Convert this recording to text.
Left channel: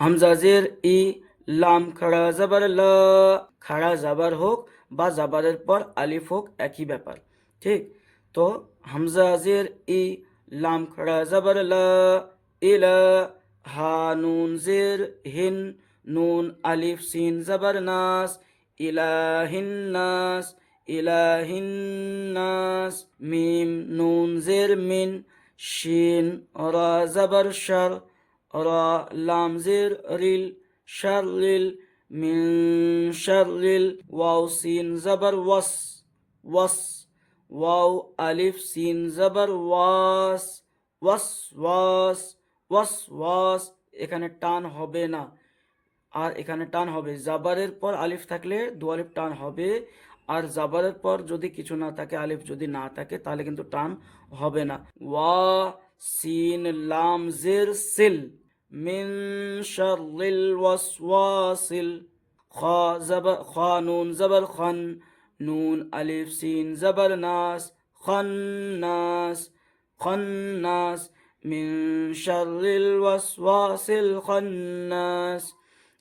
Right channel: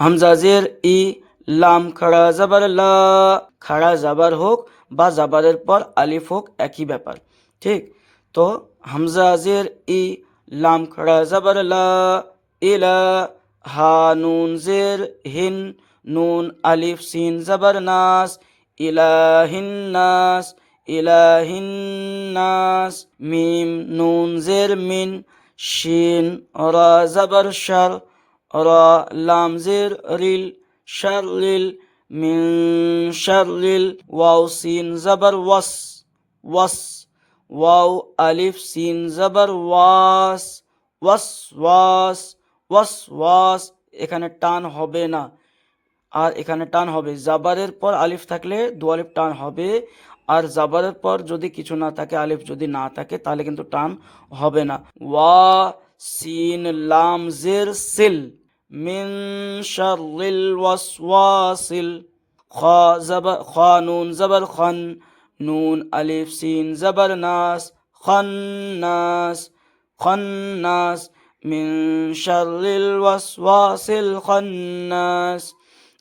হামজা জের ই, লাম খাড়া জাবার লা, খাড়া জাবার হোক বা জাবারের পর আলিফ হোক একই ব্যাপার, ঠিক। তো হামজা জের ই, লাম খাড়া জাবার লা, ইলা। হা নুন জের হিন, নুন আলিফ সিন জাবার নাস, ইলাহিন নাস, ইলাহিন নাস। মিম নুন জের মিন, শিন রা জাবার শার, রা লাম জের রিল, শারলিল, মিন শারলিল। ওয়াও সিন জাবার ওয়াস, ওয়াস। ওয়াও আলিফ সিন জাবার ওয়াস, ওয়াস ওয়াস, ওয়াস ওয়াস। এখানে টান হবে না, আর এখানে টান হবে। জাবারের পর আলিফ থাকলে দু আলিফ টান হবে, আর জাবারের পর যদি কিছু না থাকে, আলিফ যদি না থাকে, তাহলে কিন্তু টান হবে না। ওয়া সিন লাম জের সিল, মিন শাররিল ওয়াসওয়াসিল। খ খ নুন জাবার খন, নুন আলিফ সিন জাবার নাস, খন্নাস, খন্নাস। মিন শাররিল ওয়াসওয়াসিল খন্নাস।